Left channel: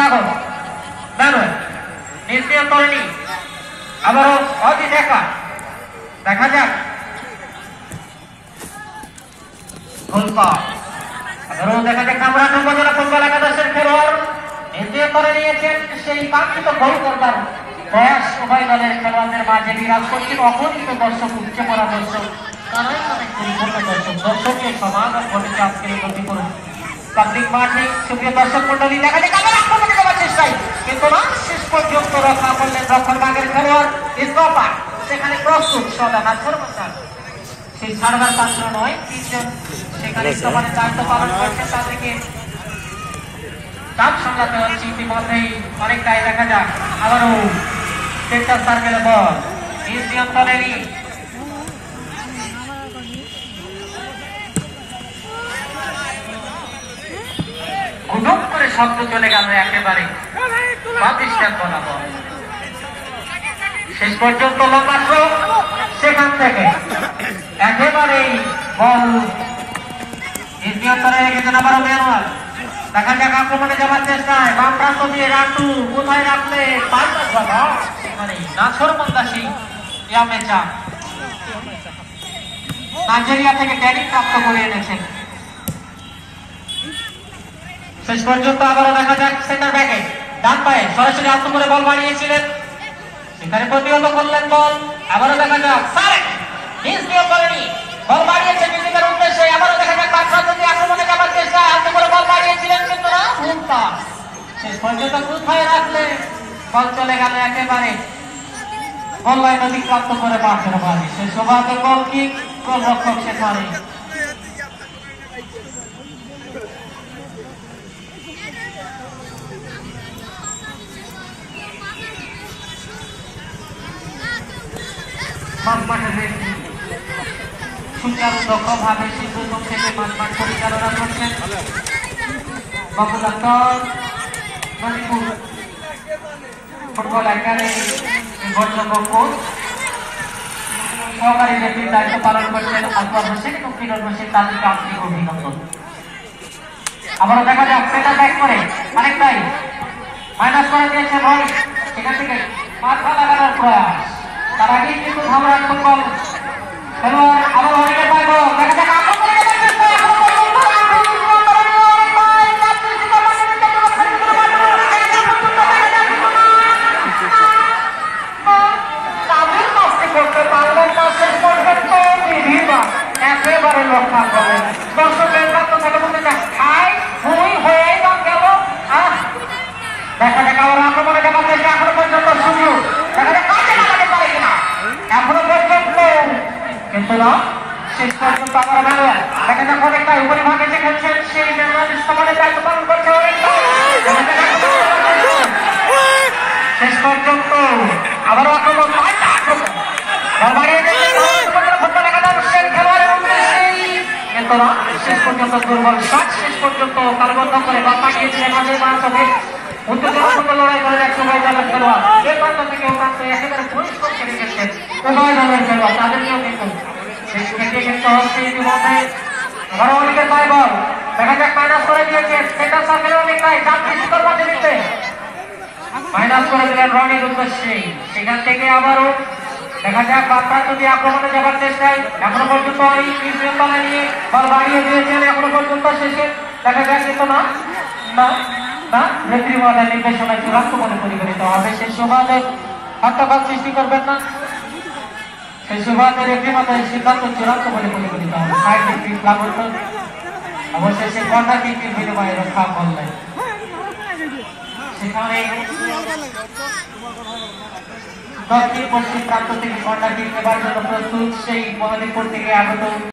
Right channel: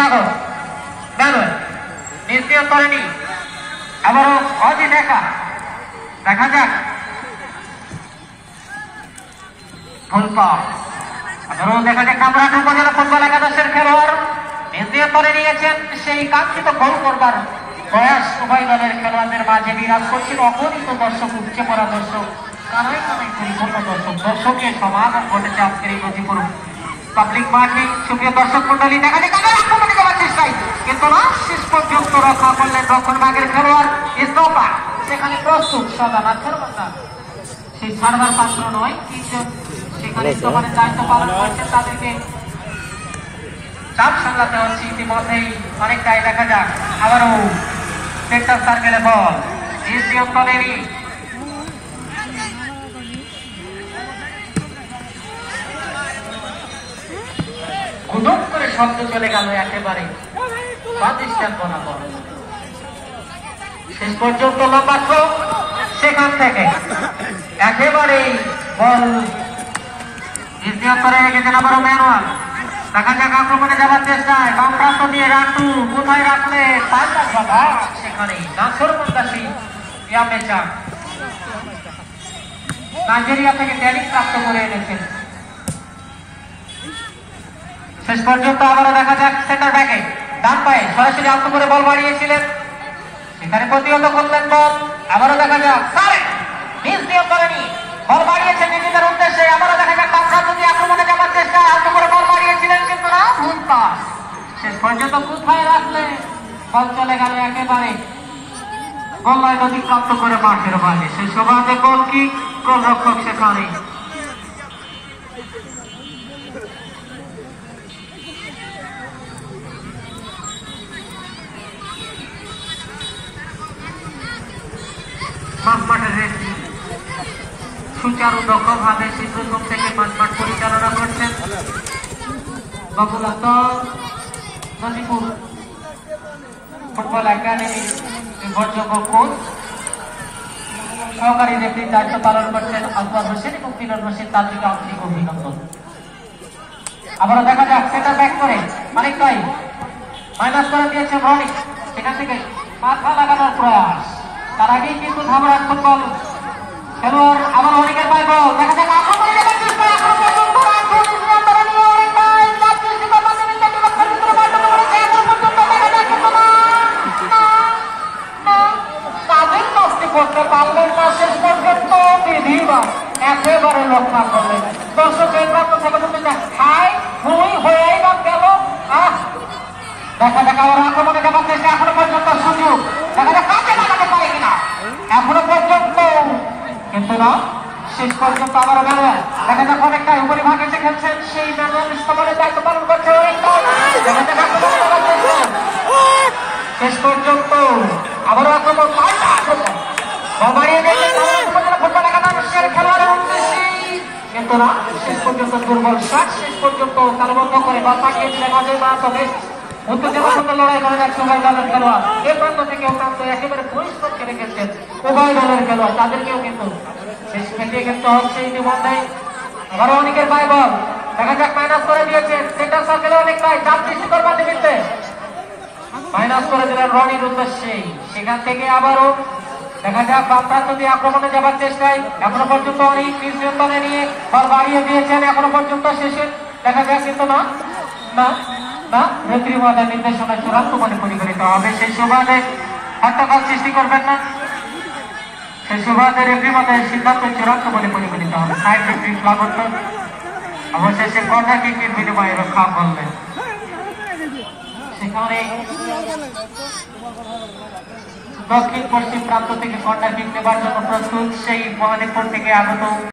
সাগর দারুণ নির্ণয় করেনি। আবারও অজি দেখা যাক আবারও দেখা যাক আমরা উপজেলা ফুটবল একাদশের খেলোয়াড় নির্ণয় করে নিয়েছেন সেই কাঙ্ক্ষিত গোল করবার প্রয়াস উভয় দলের খেলোয়াড়দের মাঝে বিরাজ করছেন। অগণিত দর্শক, উচ্চে পড়া দর্শক, কানায় কানায় পরিপূর্ণ দর্শক, দর্শকের সমাগম ঘটেছে আজকের এই গতিপূর্ণ পাবলিক মাঠে। সুপ্রিয় দর্শক মন্ডলী, দেখা যাক আক্রমণে যাওয়ার চেষ্টায়, কিন্তু না, শেষ পর্যন্ত রক্ষা করলেন রক্ষণভাগের খেলোয়াড় ইস্তফা। সেখানে প্রস্তুত সদা সেই ছাড়বার পাত্র নয়, তিনজন সেখানে ইস্তফার দায়িত্ব পালন করছেন। তার থেকে চাপ সামলাতে হচ্ছে ইতিমধ্যেই অনেকটাই। দেখা যাক আবারও সেন্টার সার্কেলে বল নিজ নিয়ন্ত্রণেরই গুডুক করে শব্দ চলে গেল একেবারে। শেষ পর্যন্ত লম্বা থ্রো, সেখান থেকে একেবারেই বল নিজ নিয়ন্ত্রণে রেখেছেন আবারও ম্যানুয়াল। দেখা যাক আক্রমণে যাওয়ার চেষ্টায় বাম প্রান্ত দিয়ে রান্টু কোথায় রাখলে পাল্টা জবাব, সেখানে নাছর মন্দাসী ইয়ামেচা নাইজেরিয়া থেকে ট্রেনিং প্রাপ্ত করে এনেছেন। শেষ পর্যন্ত আবারও দেখা যাক সেন্টার ব্যাকে ডান পায়ে সরাসরি আত্ম করে বল বাড়িয়েছিলেন, সেখানে প্রতিহত করলেন বল। আবারও দেখা যাক নিজ নিয়োগ করেনি, বল বাড়িয়েছেন নিজেদের উদ্দেশ্যে। আবারও দেখা যাক বাম প্রান্ত দিয়ে আক্রমণে যাওয়ার চেষ্টা, আত্ম করে বল বাড়িয়েছিলেন, কিন্তু না, ভুল পাস। শেষ পর্যন্ত কোথায় রাখলে বল চলে গেল একেবারে গোল লাইন অতিক্রান্ত করে মাঠের বাইরে। সে সুবাদে গোল কিক, গোলরক্ষক সেখানে সুচারু দক্ষভাবে শীঘ্রতম থেকে মাঠ পরিচালনা করছেন বাবুল আক্তার, নদীপুর ফুটবল একাডেমি নির্ভরযোগ্য কোচ, সহকারী রেফারির দায়িত্ব পালন করছেন আকবর হোসেন এবং কিরণ হোসেন, তাদেরকে আন্তরিক অভিনন্দন। আবারও দেখা যাক সেটা ব্যাক করে অনেকটাই মাইনাস করে দিয়েছেন রনি, সেখান থেকে মাথা লাগানোর প্রয়াস। তার আগেই কিন্তু ধামরাজ ফুটবল খেলোয়াড় আবার অনেকের পায় বল। দেখা যাক করতে পারলেন না, শেষ পর্যন্ত একেবারে রক্ষা করলেন। দর্শকের লক্ষ্য থেকে বলতে খাই হুই হয়েই বা গেল। দেখা যাক আবার আক্রমণে যাওয়ার চেষ্টা, এখনো পর্যন্ত সুযোগ, দেখা যাক কাকে লাগাতে পারে কিনা এখনো পর্যন্ত, কিন্তু না, শেষ পর্যন্ত আবার ম্যানুয়াল। দেখা যাক অনেকটাই উপরিভাগে যে খেলছেন সেই ম্যানুয়াল ইস্তফারের দায়িত্ব পালন করছে অনেকটাই। শেষ পর্যন্ত আবারও আক্রমণ কিন্তু না, শেষ পর্যন্ত দুর্বল শট, শেষ পর্যন্ত তালবদ্ধ করে বল পাঠিয়েছিলেন অজয় মাহাতো। উত্তেজনাপূর্ণ লড়াই করেন এক উভয় দলের খেলোয়াড়, এই প্রান্ত থেকে ও প্রান্ত একেবারে পরিষ্কার করে রেখেছেন উভয় দলের খেলোয়াড়, তাদেরকেও কিন্তু খেলতে হচ্ছে ইতিমধ্যে। আবারও অনেকের পায় বল, দেখা যাক মাইনাস করে দিয়েছে সেন্টার সার্কেলে অনেকটাই চাপ সৃষ্টি করবার দিতে মাইনাস করে দিলেন রনির উদ্দেশ্যে। সেখান থেকে আবারও দেখা যাক বাম প্রান্ত দিয়ে আক্রমণে যাবার চেষ্টায়, এখনো পর্যন্ত অনেক নিয়ন্ত্রণে নিয়ে বল বাড়িয়ে দিয়েছেন এখনো পর্যন্ত। শেষে দেখা যাক কিন্তু না, রেফারি মহোদয়ের নির্দেশনা চূড়ান্ত বলে পরিগণিত হবে। সেই সুবাদে হট্টগোল সৃষ্টি করবেন না, সেই সুবাদে রেফারি মহোদয়ের সিদ্ধান্ত চূড়ান্ত বলে পরিগণিত হবে। সাইড রেফারি প্লাবন অবশেষে কর্নার কিকের বিনিময়ে রক্ষা করলেন। সেখানে দক্ষিণ পশ্চিম প্রান্ত থেকে কর্নার কিক নেবার জন্য প্রস্তুত সেই মহানিপুর থেকে আগত